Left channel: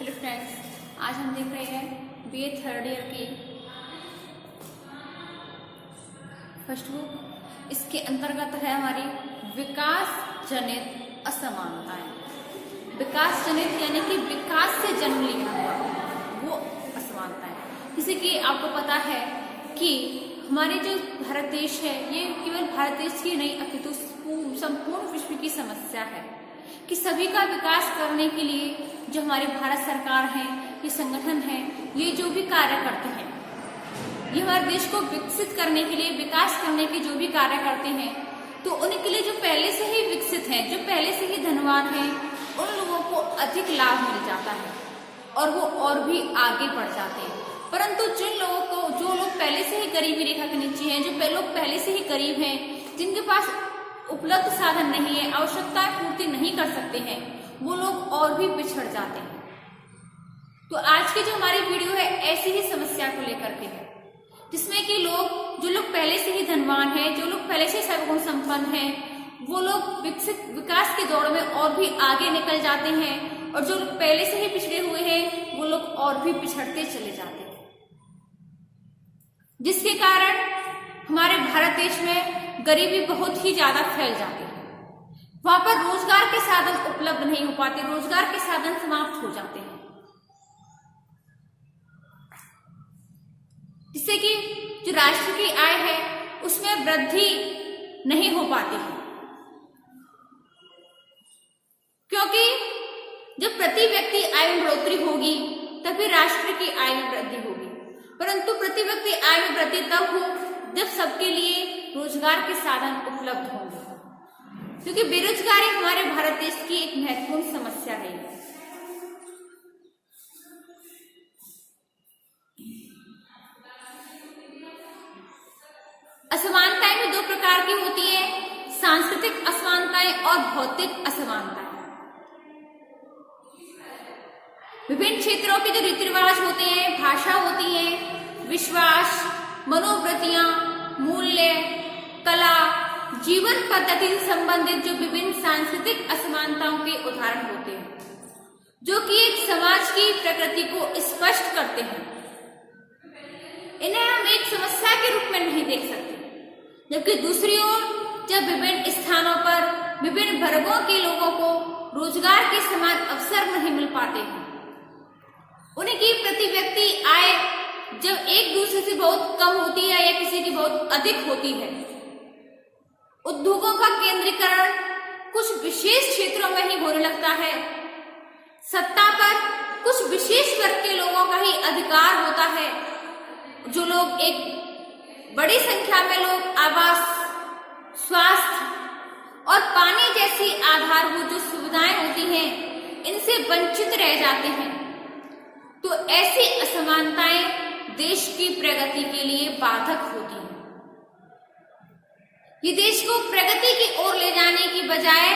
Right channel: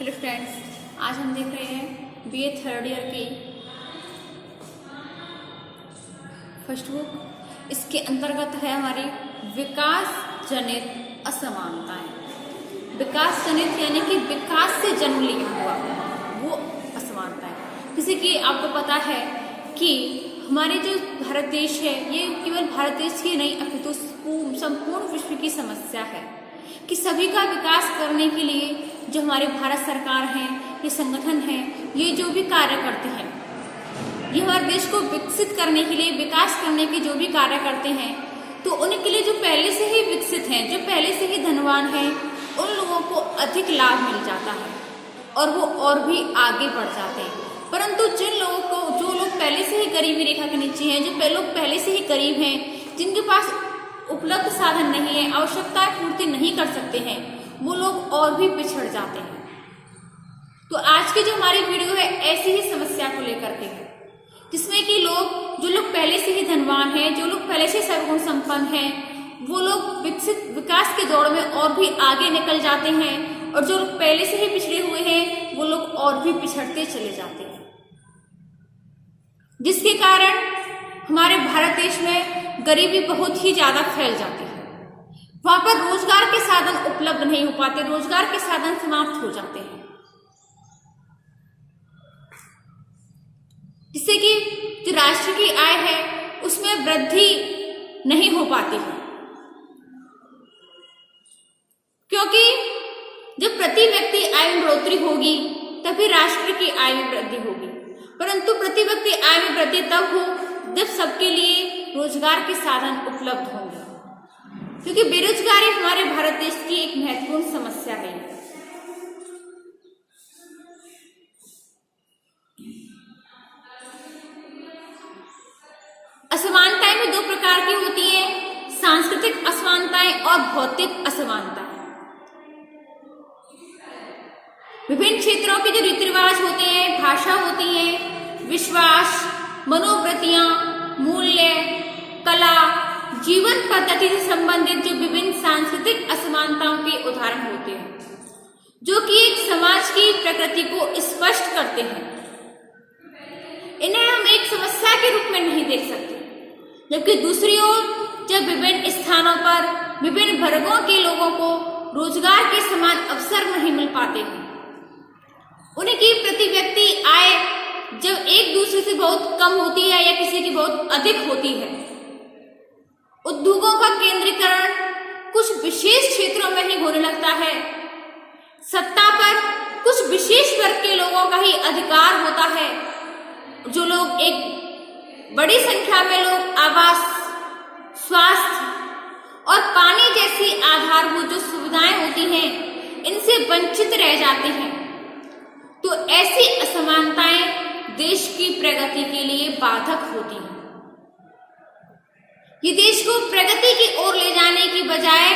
Hello friends, आज हम देख रहे हैं बीए थर्ड ईयर की फर्स्ट बुक। इसके अंतर्गत है हमारी विकास जनित असमानताएं। विकास जनित यानी कि विकास से जन्म लिया हुआ वो असमानताएं। जैसे कि आपको पता है कि हमारे जो भारत देश है ये केवल भारत देश की नहीं अपितु संपूर्ण विश्व की समस्या है कि सभी का विकास करने के लिए जो हमारे भारत सरकार है, ये संगठन है, ये जो भी कार्य करते हैं, ये हमारे देश को विकसित करने के लिए, विकास करने के जो भी कार्य करते हैं, तो उनके लिए जो पहले से ही विकसित हैं, जो पहले से ही धनवान हैं, उन लोगों को अधिक लाभ मिल जाता है और वो और भी आगे बढ़ जाते हैं। परंतु जिन लोगों को, जो लोग पहले से ही गरीबी रेखा के नीचे हैं, जो लोग पहले से ही गरीब हैं, जिनके पास उपलब्ध साधन नहीं है, आवश्यकताएं पूर्ति नहीं कर सकते हैं, वो लोग और भी पिछड़ जाते हैं। तो आज की जो हमारी वीडियो है ऐसी ही समस्या को लेकर के है, जिसमें कि जो लोग पहले से ही धनवान हैं, जो लोग पहले से सर्वगुण संपन्न हैं, वो लोग विकास की दौड़ में और भी आगे निकल जाते हैं, और जो लोग पहले से ही पिछड़े हुए हैं वो लोग और भी पिछड़ते चले जाते हैं, जिसके कारण हमारे भारत देश में गरीबी बहुत ही ज्यादा फैल जाती है। वहां पर रोजगार के साधन उपलब्ध नहीं हो पाते, रोजगार के साधन समाप्त हो जाते हैं, जिससे कि जो राष्ट्र की आय है उसमें वृद्धि नहीं हो पाती है, क्योंकि जब प्रति व्यक्ति आय में बढ़ोतरी होगी तभी राष्ट्र की आय में वृद्धि होगी। परंतु प्रति व्यक्ति आय में वृद्धि तब हो जब सबके लिए रोजगार के साधन उपलब्ध होंगे, क्योंकि बेरोजगारी हमारे भारत देश की एक महत्वपूर्ण समस्या है। असमानताएं में दो प्रकार की होती है, सांस्कृतिक असमानताएं और भौतिक असमानताएं। विभिन्न क्षेत्रों के जो रीति रिवाज होते हैं, भाषा होती है, विश्वास, मनोवृत्तियां, मूल्य, कला, जीवन पद्धति से संबंधित जो विभिन्न सांस्कृतिक असमानताओं के उदाहरण होते हैं, जो कि एक समाज की प्रकृति को स्पष्ट करते हैं। इन्हें हम एक समस्या के रूप में नहीं देख सकते, जबकि दूसरी ओर जब विभिन्न स्थानों पर विभिन्न वर्गों के लोगों को रोजगार के समान अवसर नहीं मिल पाते हैं, उनकी प्रति व्यक्ति आय जब एक दूसरे से बहुत कम होती है या किसी की बहुत अधिक होती है, उद्योगों का केंद्रीकरण कुछ विशेष क्षेत्रों में ही होने लगता है, सत्ता पर कुछ विशेष वर्ग के लोगों का ही अधिकार होता है, जो लोग एक बड़ी संख्या में लोग आवास, स्वास्थ्य और पानी जैसी आधारभूत जो सुविधाएं होती हैं इनसे वंचित रह जाते हैं। तो ऐसी असमानताएं देश की प्रगति के लिए बाधक होती है। ये देश को प्रगति की ओर ले जाने की बजाय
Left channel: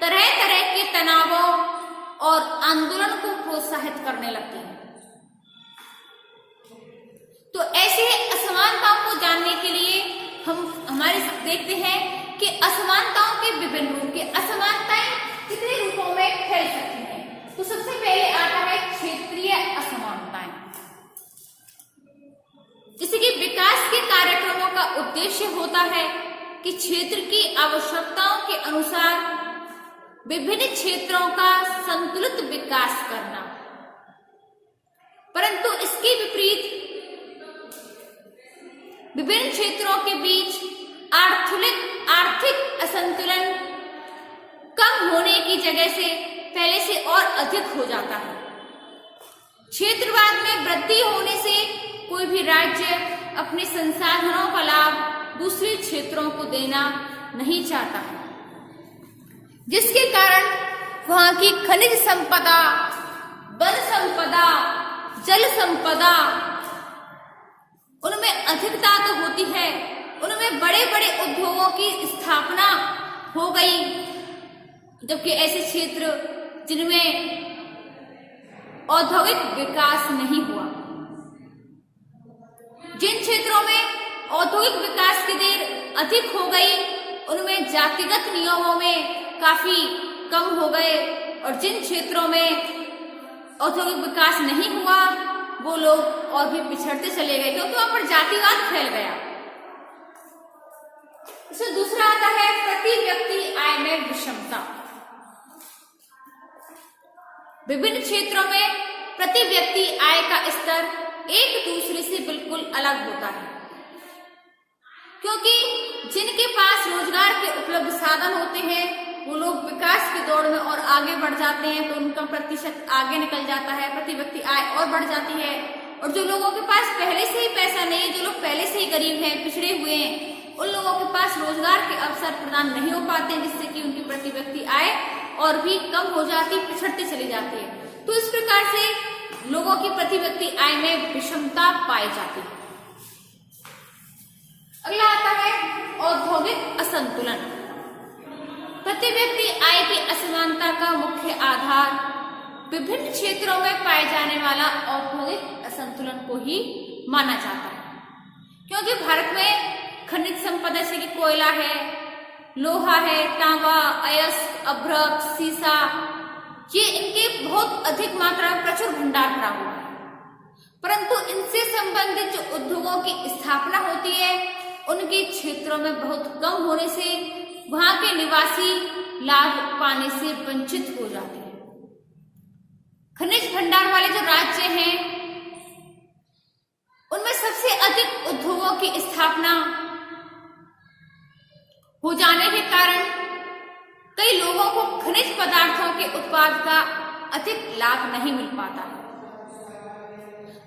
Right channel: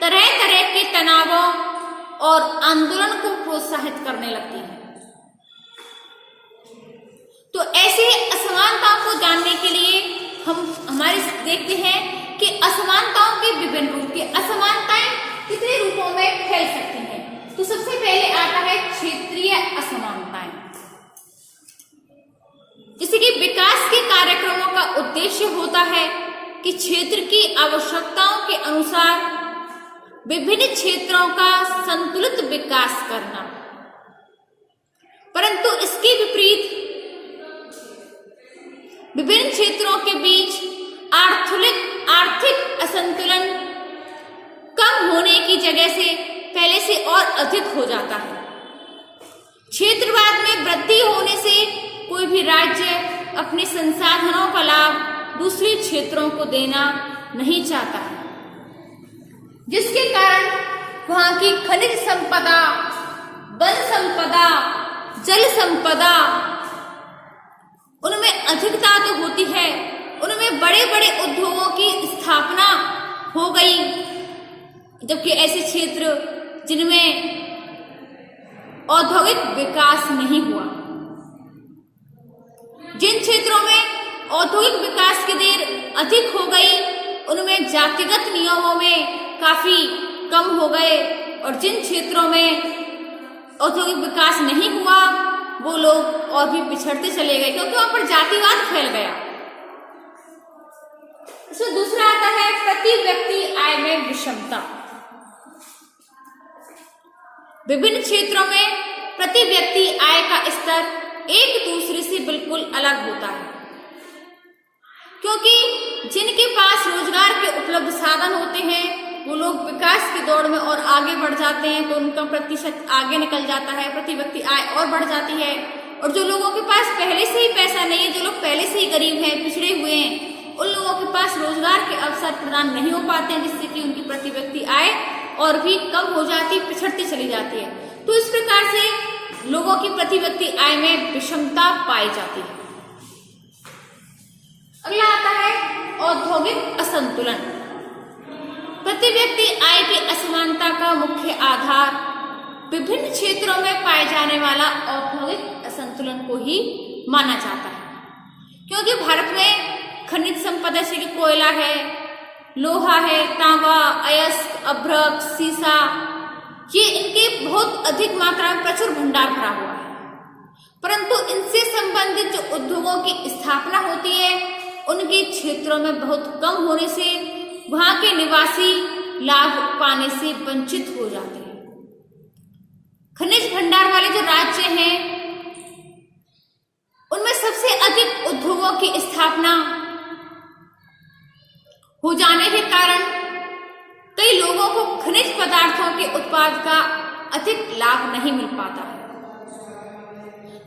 तरह तरह के तनावों और आंदोलन को प्रोत्साहित करने लगती है। तो ऐसे असमानताओं को जानने के लिए हम हमारे देखते हैं कि असमानताओं के विभिन्न रूप, के असमानताएं कितने रूपों में फैल सकती हैं। तो सबसे पहले आता है क्षेत्रीय असमानताएं। जैसे कि विकास के कार्यक्रमों का उद्देश्य होता है कि क्षेत्र की आवश्यकताओं के अनुसार विभिन्न क्षेत्रों का संतुलित विकास करना, परंतु इसके विपरीत विभिन्न क्षेत्रों के बीच आर्थिक असंतुलन कम होने की जगह से पहले से और अधिक हो जाता है। क्षेत्रवाद में वृद्धि होने से कोई भी राज्य अपने संसाधनों का लाभ दूसरे क्षेत्रों को देना नहीं चाहता है, जिसके कारण वहां की खनिज संपदा, वन संपदा, जल संपदा, उनमें अधिकता तो होती है, उनमें बड़े बड़े उद्योगों की स्थापना हो गई, जबकि ऐसे क्षेत्र जिनमें औद्योगिक विकास नहीं हुआ, जिन क्षेत्रों में औद्योगिक विकास की देर अधिक हो गई, उनमें जातिगत नियमों में काफी कम हो गए, और जिन क्षेत्रों में औद्योगिक विकास नहीं हुआ, वो लोग और भी पिछड़ते चले गए, क्योंकि वहां पर जातिवाद फैल गया। इसमें दूसरा आता है प्रति व्यक्ति आय में विषमता। विभिन्न क्षेत्रों में प्रति व्यक्ति आय का स्तर एक दूसरे से बिल्कुल अलग होता है, क्योंकि जिनके पास रोजगार के उपलब्ध साधन होते हैं वो लोग विकास की दौड़ में और आगे बढ़ जाते हैं, तो उनका प्रतिशत आगे निकल जाता है, प्रति व्यक्ति आय और बढ़ जाती है। और जो लोगों के पास पहले से ही पैसा नहीं है, जो लोग पहले से ही गरीब हैं, पिछड़े हुए हैं, उन लोगों के पास रोजगार के अवसर प्रदान नहीं हो पाते हैं, जिससे कि उनकी प्रति व्यक्ति आय और भी कम हो जाती है, पिछड़ती चली जाती है। तो इस प्रकार से लोगों की प्रति व्यक्ति आय में विषमता पाई जाती है। अगला आता है औद्योगिक असंतुलन। प्रति व्यक्ति आय की असमानता का मुख्य आधार विभिन्न क्षेत्रों में पाए जाने वाला औद्योगिक असंतुलन को ही माना जाता है, क्योंकि भारत में खनिज संपदा जैसे कि कोयला है, लोहा है, तांबा, अयस्क, अभ्रक, सीसा, ये इनके बहुत अधिक मात्रा में प्रचुर भंडार भरा हुआ है। परंतु इनसे संबंधित जो उद्योगों की स्थापना होती है उनके क्षेत्रों में बहुत कम होने से वहां के निवासी लाभ पाने से वंचित हो जाते हैं। खनिज भंडार वाले जो राज्य हैं उनमें सबसे अधिक उद्योगों की स्थापना हो जाने के कारण कई लोगों को खनिज पदार्थों के उत्पाद का अधिक लाभ नहीं मिल पाता है।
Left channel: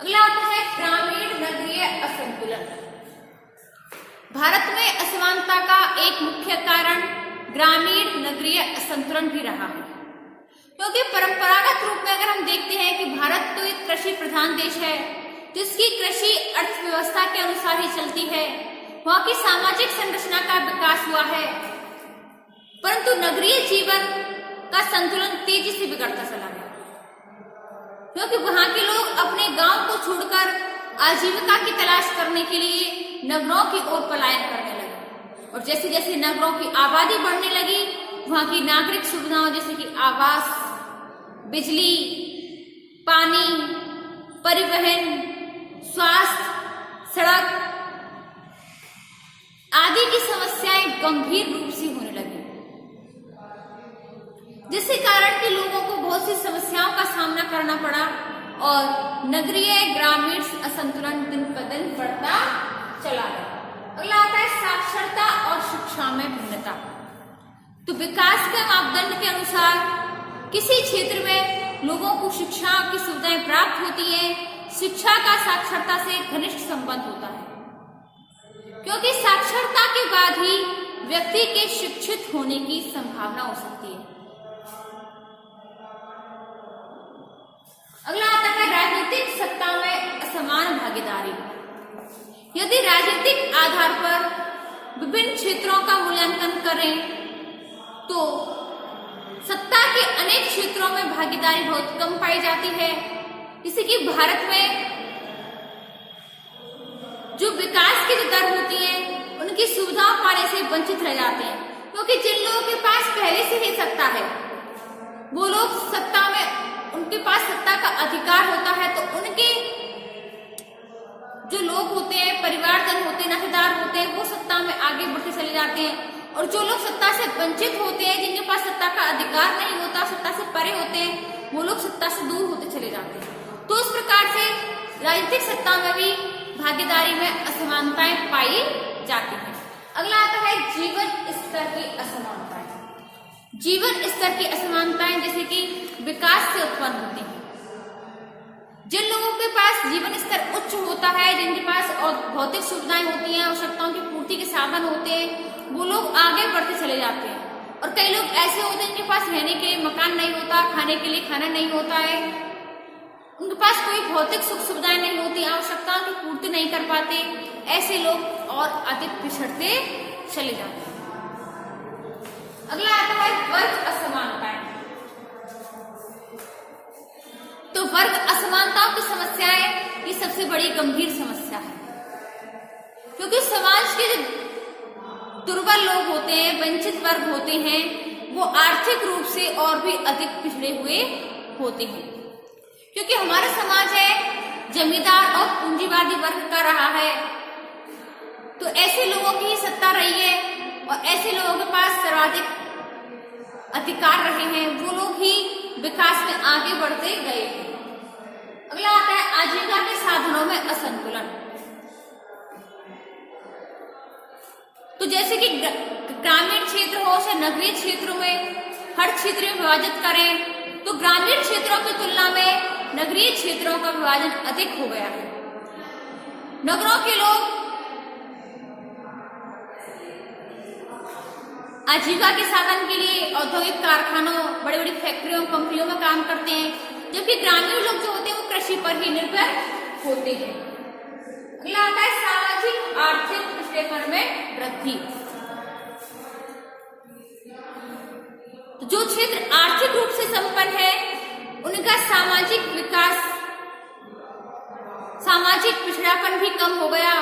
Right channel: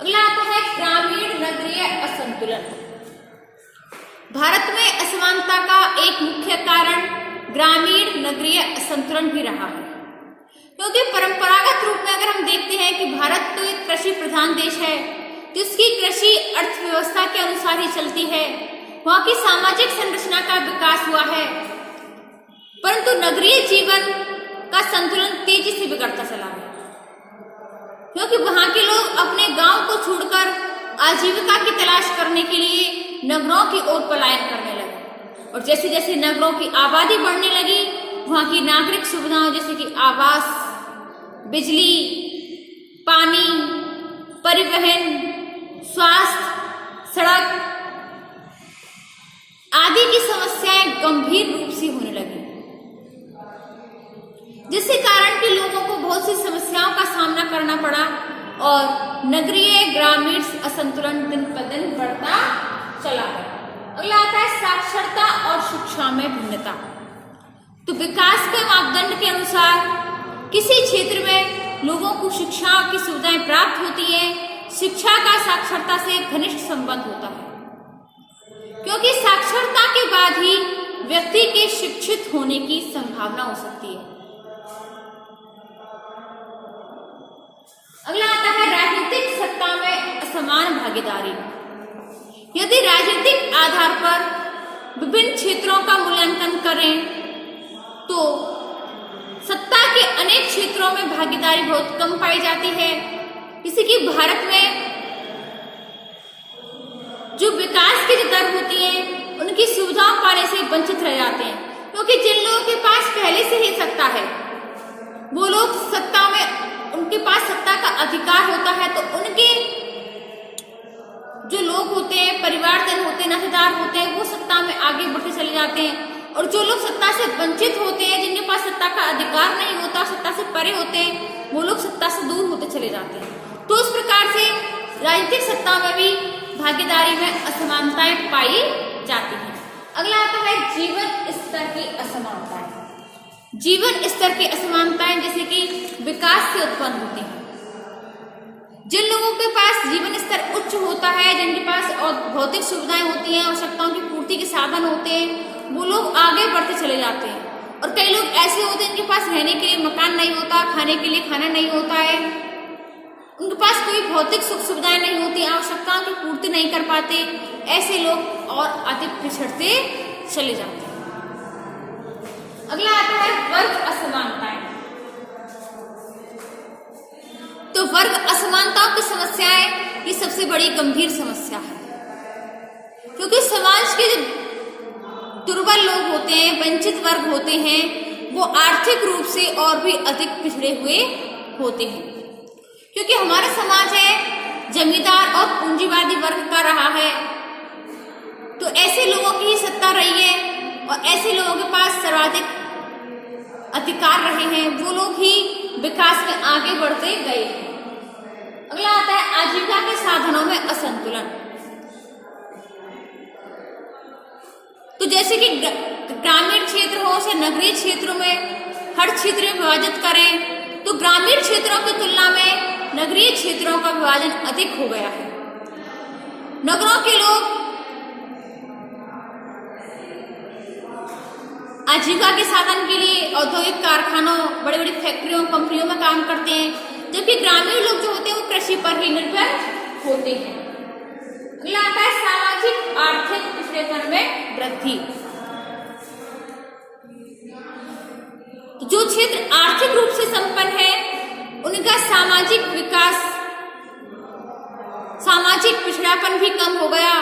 अगला आता है ग्रामीण नगरीय असंतुलन। भारत में असमानता का एक मुख्य कारण ग्रामीण नगरीय असंतुलन भी रहा है, क्योंकि परंपरागत रूप में अगर हम देखते हैं कि भारत तो एक कृषि प्रधान देश है, तो इसकी कृषि अर्थव्यवस्था के अनुसार ही चलती है, वहां की सामाजिक संरचना का विकास हुआ है। परंतु नगरीय जीवन का संतुलन तेजी से बिगड़ता चला है, क्योंकि वहां के लोग अपने गांव को छोड़कर आजीविका की तलाश करने के लिए नगरों की ओर पलायन करने लगे। और जैसे जैसे नगरों की आबादी बढ़ने लगी, वहां की नागरिक सुविधाओं जैसे कि आवास, बिजली, पानी, परिवहन, स्वास्थ्य, सड़क आदि की समस्याएं गंभीर रूप से होने लगी, जिसके कारण कि लोगों को बहुत सी समस्याओं का सामना करना पड़ा और नगरीय ग्रामीण असंतुलन दिन पर दिन बढ़ता चला गया। अगला आता है साक्षरता और शिक्षा में भिन्नता। तो विकास के मापदंड के अनुसार किसी क्षेत्र में लोगों को शिक्षा की सुविधाएं प्राप्त होती है, शिक्षा का साक्षरता से घनिष्ठ संबंध होता है, क्योंकि साक्षरता के बाद ही व्यक्ति के शिक्षित होने की संभावना हो सकती है। अगला आता है राजनीतिक सत्ता में असमान भागीदारी। यदि राजनीतिक आधार पर विभिन्न क्षेत्रों का मूल्यांकन करें तो सत्ता के अनेक क्षेत्रों में भागीदारी बहुत कम पाई जाती है। जैसे कि भारत में जो विकास की दर होती है उनकी सुविधाओं पाने से वंचित रह जाते हैं, क्योंकि जिन लोगों के पास पहले से ही सत्ता है वो लोग सत्ता में उनके पास सत्ता का अधिकार होता है, तो उनके जो लोग होते हैं, परिवारजन होते हैं, नातेदार होते हैं, वो सत्ता में आगे बढ़ते चले जाते हैं। और जो लोग सत्ता से वंचित होते हैं, जिनके पास सत्ता का अधिकार नहीं होता, सत्ता से परे होते हैं, वो लोग सत्ता से दूर होते चले जाते हैं। तो इस प्रकार से राजनीतिक सत्ता में भी भागीदारी में असमानताएं पाई जाती हैं। अगला आता है जीवन स्तर की असमानताएं। जीवन स्तर की असमानताएं जैसे कि विकास से उत्पन्न होती हैं। जिन लोगों के पास जीवन स्तर उच्च होता है, जिनके पास और भौतिक सुविधाएं होती हैं, आवश्यकताओं की पूर्ति के साधन होते हैं, वो लोग आगे बढ़ते चले जाते हैं। और कई लोग ऐसे होते हैं जिनके पास रहने के लिए मकान नहीं होता, खाने के लिए खाना नहीं होता है, उनके पास कोई भौतिक सुख सुविधाएं नहीं होती, आवश्यकताओं की पूर्ति नहीं कर पाते, ऐसे लोग और अधिक पिछड़ते चले जाते हैं। अगला आता है वर्ग असमानताएं। तो वर्ग असमानताओं की समस्याएं ये सबसे बड़ी गंभीर समस्या है, क्योंकि समाज के जो दुर्बल लोग होते हैं, वंचित वर्ग होते हैं, वो आर्थिक रूप से और भी अधिक पिछड़े हुए होते हैं, क्योंकि हमारा समाज है जमींदार और पूंजीवादी वर्ग का रहा है, तो ऐसे लोगों की ही सत्ता रही है और ऐसे लोगों के पास सर्वाधिक अधिकार रहे हैं, वो लोग ही विकास में आगे बढ़ते गए हैं। अगला आता है आजीविका के साधनों में असंतुलन। तो जैसे कि ग्रामीण क्षेत्र हो या नगरीय क्षेत्रों में हर क्षेत्र में विभाजित करें, तो ग्रामीण क्षेत्रों की तुलना में नगरीय क्षेत्रों का विभाजन अधिक हो गया है। नगरों के लोग आजीविका के साधन के लिए औद्योगिक कारखानों, बड़ी बड़ी फैक्ट्रियों, कंपनियों में काम करते हैं, जबकि ग्रामीण लोग जो होते हैं वो कृषि पर ही निर्भर होते हैं। अगला आता है सामाजिक आर्थिक पिछड़ेपन में वृद्धि। तो जो क्षेत्र आर्थिक रूप से संपन्न है उनका सामाजिक विकास, सामाजिक पिछड़ापन भी कम हो गया,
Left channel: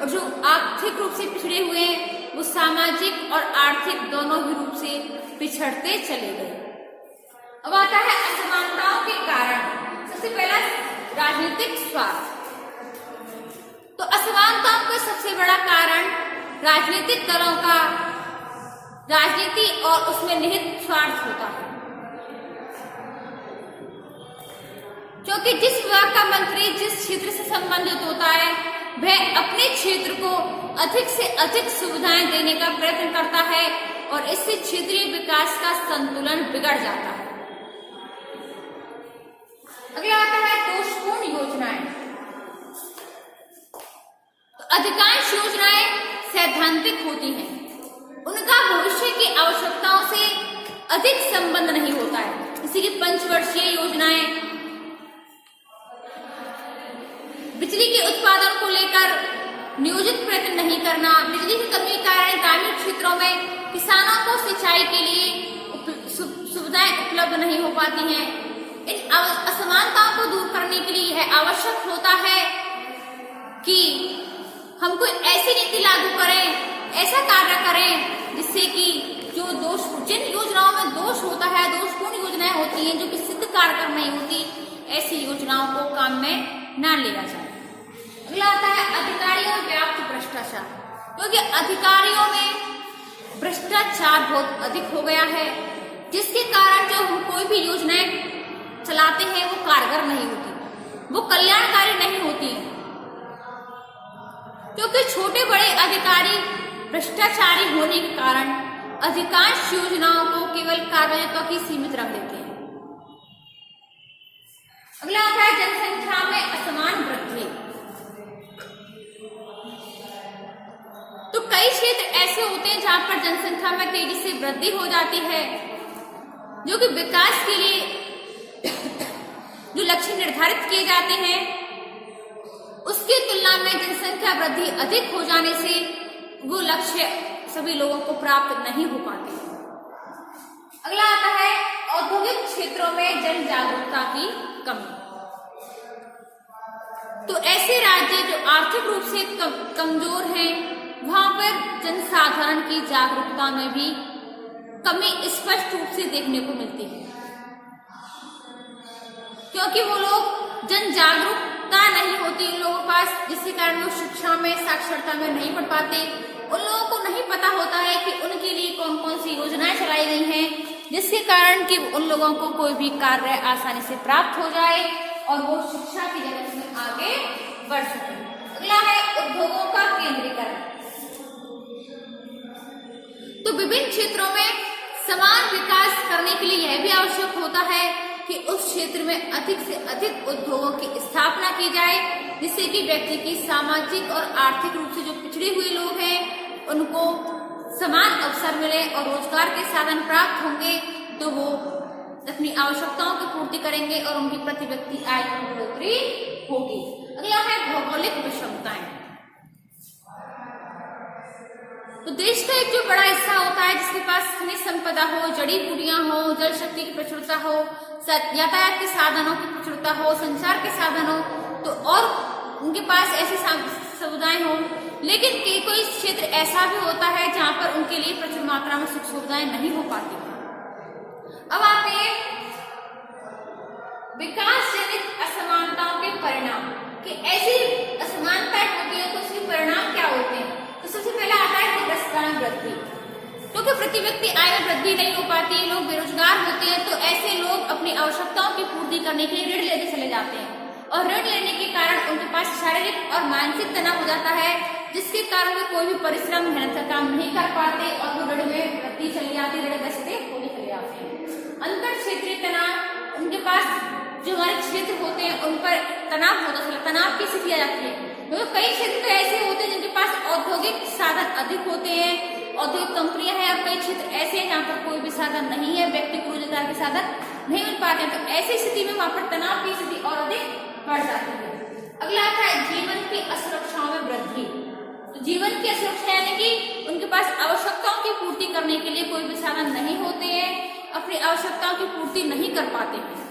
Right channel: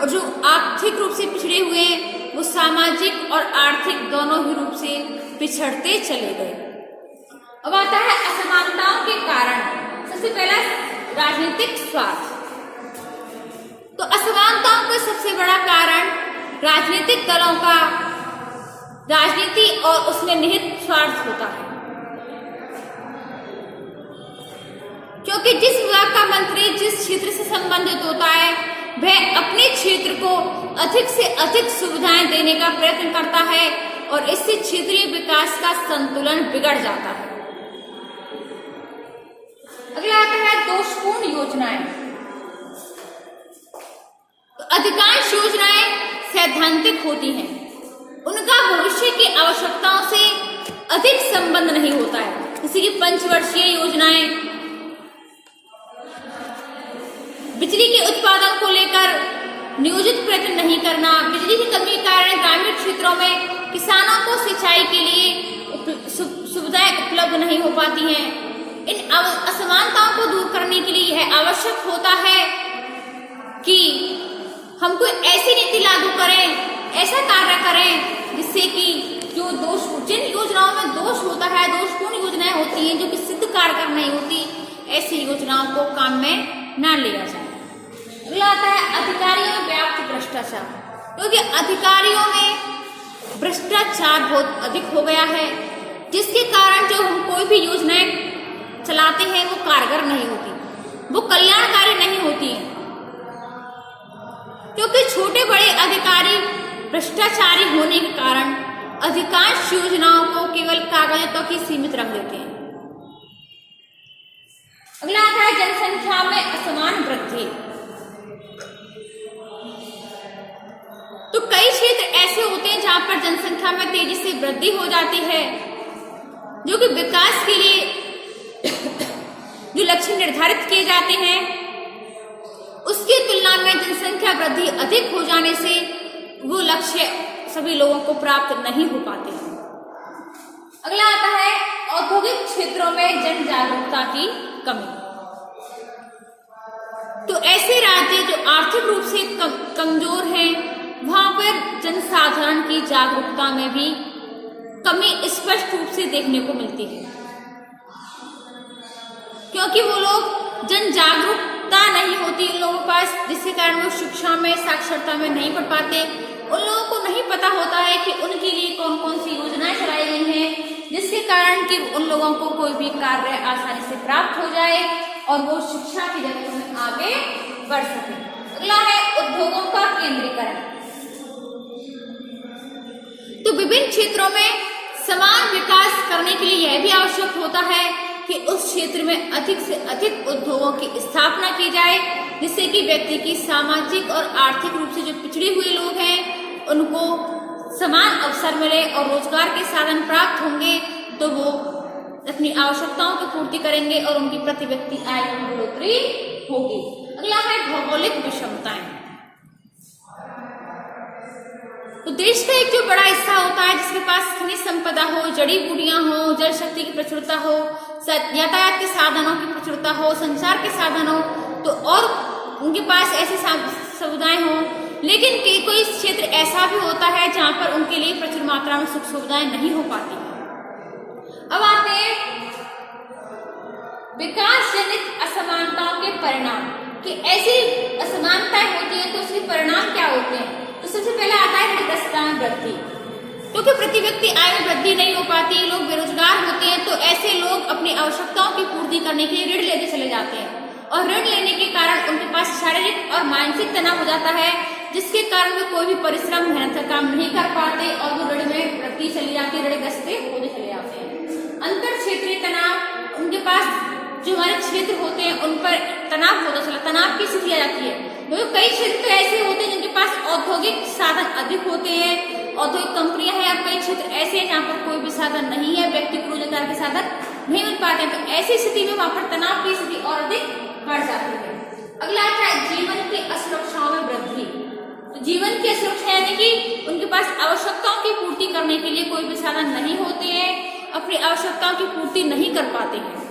और जो आर्थिक रूप से पिछड़े हुए हैं वो सामाजिक और आर्थिक दोनों ही रूप से पिछड़ते चले गए। अब आता है असमानताओं के कारण। सबसे पहला राजनीतिक स्वार्थ। तो असमानताओं का सबसे बड़ा कारण राजनीतिक दलों का राजनीति और उसमें निहित स्वार्थ होता है, क्योंकि जिस विभाग का मंत्री जिस क्षेत्र से संबंधित होता है वह अपने क्षेत्र को अधिक से अधिक सुविधाएं देने का प्रयत्न करता है और इससे क्षेत्रीय विकास का संतुलन बिगड़ जाता है। अगला आता है दोषपूर्ण योजनाएं। तो अधिकांश योजनाएं सैद्धांतिक होती हैं, उनका भविष्य की आवश्यकताओं से अधिक संबंध नहीं होता है। जैसे कि पंचवर्षीय योजनाएं, बिजली के उत्पादन को लेकर नियोजित प्रयत्न नहीं करना, बिजली की कमी के कारण ग्रामीण क्षेत्रों में किसानों को सिंचाई के लिए सुविधाएं उपलब्ध नहीं हो पाती हैं। इन असमानताओं को दूर करने के लिए यह आवश्यक होता है कि हम कोई ऐसी नीति लागू करें, ऐसा कार्य करें जिससे कि जो जिन योजनाओं में दोष होता है, दोषपूर्ण योजनाएं होती हैं जो कि सिद्ध कारगर नहीं होती, ऐसी योजनाओं को काम में न लिया जाए। अगला आता है अधिकारियों में व्याप्त भ्रष्टाचार। क्योंकि अधिकारियों में भ्रष्टाचार बहुत अधिक हो गया है, जिसके कारण जो हम कोई भी योजनाएं चलाते हैं वो कारगर नहीं होती, वो कल्याणकारी नहीं होती है, क्योंकि छोटे बड़े अधिकारी भ्रष्टाचारी होने के कारण अधिकांश योजनाओं को केवल कागजों की सीमित रख देते हैं। अगला आता है जनसंख्या में असमान वृद्धि। तो कई क्षेत्र ऐसे होते हैं जहां पर जनसंख्या में तेजी से वृद्धि हो जाती है, जो कि विकास के लिए जो लक्ष्य निर्धारित किए जाते हैं उसकी तुलना में जनसंख्या वृद्धि अधिक हो जाने से वो लक्ष्य सभी लोगों को प्राप्त नहीं हो पाते। अगला आता है औद्योगिक क्षेत्रों में जन जागरूकता की कमी। तो ऐसे राज्य जो आर्थिक रूप से कमजोर हैं वहां पर जनसाधारण की जागरूकता में भी कमी स्पष्ट रूप से देखने को मिलती है, क्योंकि वो लोग जन जागरूकता नहीं होती उन लोगों के पास, जिसके कारण वो शिक्षा में, साक्षरता में नहीं पढ़ पाते। उन लोगों को नहीं पता होता है कि उनके लिए कौन कौन सी योजनाएं चलाई गई हैं, जिसके कारण कि उन लोगों को कोई भी कार्य आसानी से प्राप्त हो जाए और वो शिक्षा की जगत में आगे बढ़ सके। अगला है उद्योगों का केंद्रीकरण। तो विभिन्न क्षेत्रों में समान विकास करने के लिए यह भी आवश्यक होता है कि उस क्षेत्र में अधिक से अधिक उद्योगों की स्थापना की जाए, जिससे कि व्यक्ति की सामाजिक और आर्थिक रूप से जो पिछड़े हुए लोग हैं उनको समान अवसर मिले और रोजगार के साधन प्राप्त होंगे, तो वो अपनी आवश्यकताओं की पूर्ति करेंगे और उनकी प्रति व्यक्ति आय में बढ़ोतरी होगी। अगला है भौगोलिक विषमताएं। तो देश का एक जो बड़ा हिस्सा होता है जिसके पास खनिज संपदा हो, जड़ी बूटियां हो, जल शक्ति की प्रचुरता हो, यातायात के साधनों की प्रचुरता हो, संचार के साधन हो, तो और उनके पास ऐसी सुविधाएं हो, लेकिन कोई क्षेत्र ऐसा भी होता है जहां पर उनके लिए प्रचुर मात्रा में सुख सुविधाएं नहीं हो पाती। अब आते हैं विकास जनित परिणाम, कि ऐसी असमानताएं होती है तो उसके परिणाम क्या होते हैं। तो सबसे पहले आता है ऋणग्रस्तता में वृद्धि, क्योंकि प्रति व्यक्ति आय में वृद्धि नहीं हो पाती, लोग बेरोजगार होते हैं, तो ऐसे लोग अपनी आवश्यकताओं की पूर्ति करने के लिए ऋण लेते चले जाते हैं और ऋण लेने के कारण उनके पास शारीरिक और मानसिक तनाव हो जाता है, जिसके कारण वे कोई भी परिश्रम मेहनत का काम नहीं कर पाते और वो ऋण में वृद्धि चली जाती है, ऋणग्रस्त होते चले जाते हैं। अंतर क्षेत्रीय तनाव, उनके पास जो हमारे क्षेत्र होते हैं उन पर तनाव होता चला, तनाव की स्थिति आ जाती है। तो कई क्षेत्र तो ऐसे होते हैं जिनके पास औद्योगिक साधन अधिक होते हैं, औद्योगिक कंपनियां हैं, और कई क्षेत्र ऐसे हैं जहाँ पर कोई भी साधन नहीं है, व्यक्ति को रोजगार के साधन नहीं मिल पाते हैं, तो ऐसी स्थिति में वहां पर तनाव की स्थिति और अधिक बढ़ जाती है। अगला आता है जीवन की असुरक्षाओं में वृद्धि। तो जीवन की असुरक्षा यानी कि उनके पास आवश्यकताओं की पूर्ति करने के लिए कोई भी साधन नहीं होते हैं, अपनी आवश्यकताओं की पूर्ति नहीं कर पाते हैं,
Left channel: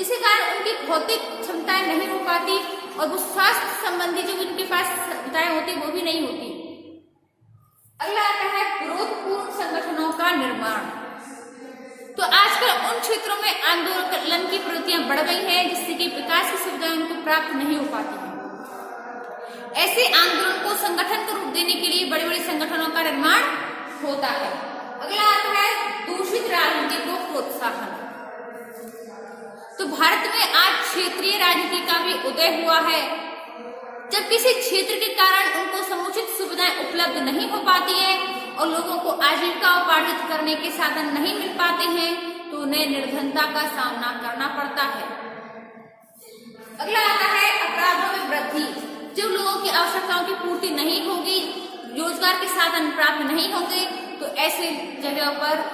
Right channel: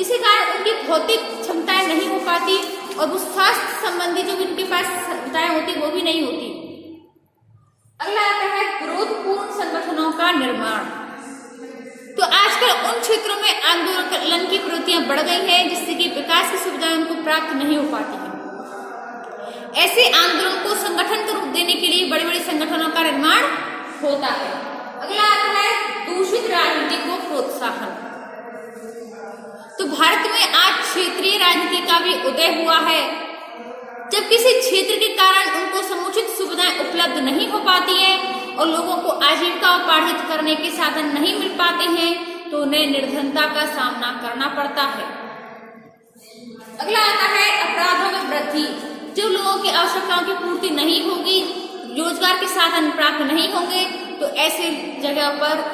इसी कारण उनकी भौतिक क्षमताएं नहीं हो पाती और वो स्वास्थ्य संबंधी जो उनके पास क्षमताएं होती वो भी नहीं होती। अगला आता है विरोधपूर्ण संगठनों का निर्माण। तो आजकल उन क्षेत्रों में आंदोलन की प्रवृत्तियां बढ़ गई हैं जिससे कि विकास की सुविधाएं उनको प्राप्त नहीं हो पाती है। ऐसे आंदोलन को संगठन का रूप देने के लिए बड़े बड़े संगठनों का निर्माण होता है। अगला आता है दूषित राजनीति को प्रोत्साहन। तो भारत में आज क्षेत्रीय राजनीति का भी उदय हुआ है। जब किसी क्षेत्र के कारण उनको समुचित सुविधाएं उपलब्ध नहीं हो पाती है और लोगों को आजीविका उपार्जित करने के साधन नहीं मिल पाते हैं तो उन्हें निर्धनता का सामना करना पड़ता है। अगला आता है अपराधों में वृद्धि। जो लोगों की आवश्यकताओं की पूर्ति नहीं होगी, रोजगार के साधन प्राप्त नहीं होंगे, तो ऐसे जगह पर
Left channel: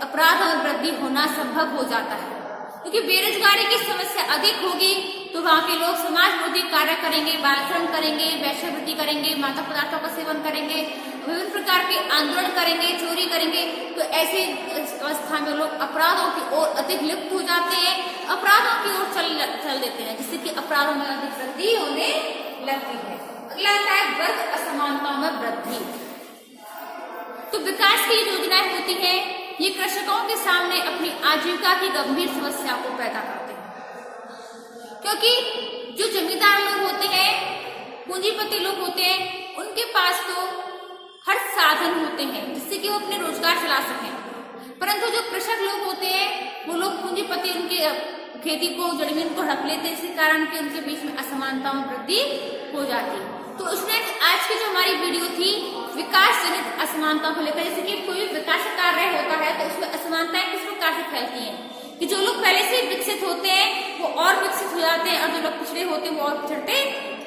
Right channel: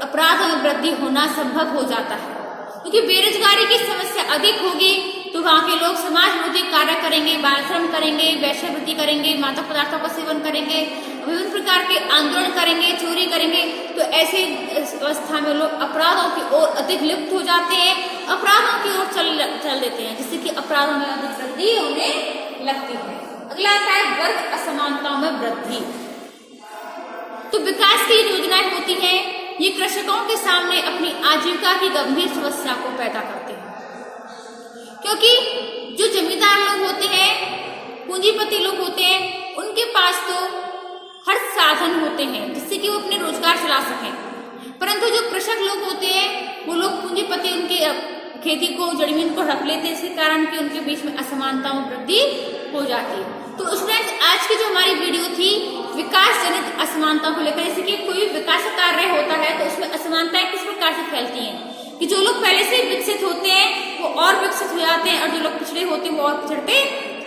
अपराधों में वृद्धि होना संभव हो जाता है, क्योंकि बेरोजगारी की समस्या अधिक होगी तो वहाँ के लोग समाज विरोधी कार्य करेंगे, बाल श्रम करेंगे, वैश्यवृत्ति करेंगे, मादक पदार्थों का सेवन करेंगे, विभिन्न प्रकार के आंदोलन करेंगे, चोरी करेंगे, तो ऐसी अवस्था में लोग अपराधों की ओर अधिक लिप्त हो जाते हैं, अपराधों की ओर चल देते हैं, जिससे कि अपराधों में अधिक वृद्धि होने लगती है। अगला आता है वर्ग असमानताओं में वृद्धि। तो विकास की योजनाएं होती हैं, ये कृषकों के सामने अपनी आजीविका की गंभीर समस्या को पैदा करते हैं, क्योंकि जो जमींदार लोग होते हैं, पूंजीपति लोग होते हैं, उनके पास तो हर साधन होते हैं जिससे कि वो अपने रोजगार चला सकें, परंतु जो कृषक लोग होते हैं वो लोग पूंजीपति उनके खेती को, जमीन को हड़प लेते हैं, इसके कारण कि उनके बीच में असमानता में वृद्धि हो जाती है। तो स्टूडेंट्स, आज की जो हमारी वीडियो थी विकास जनित असमानता को लेकर, जैसे कि कोई विकास कार्य होता है तो उसमें असमानताएं किस प्रकार से फैलती हैं, कि जो लोग पहले से विकसित होते हैं वो और विकसित हो जाते हैं और जो लोग पिछड़े होते हैं वो और पिछड़ते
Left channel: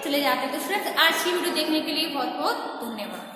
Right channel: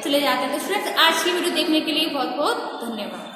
चले जाते हैं। तो स्टूडेंट्स, आज की वीडियो देखने के लिए बहुत बहुत धन्यवाद।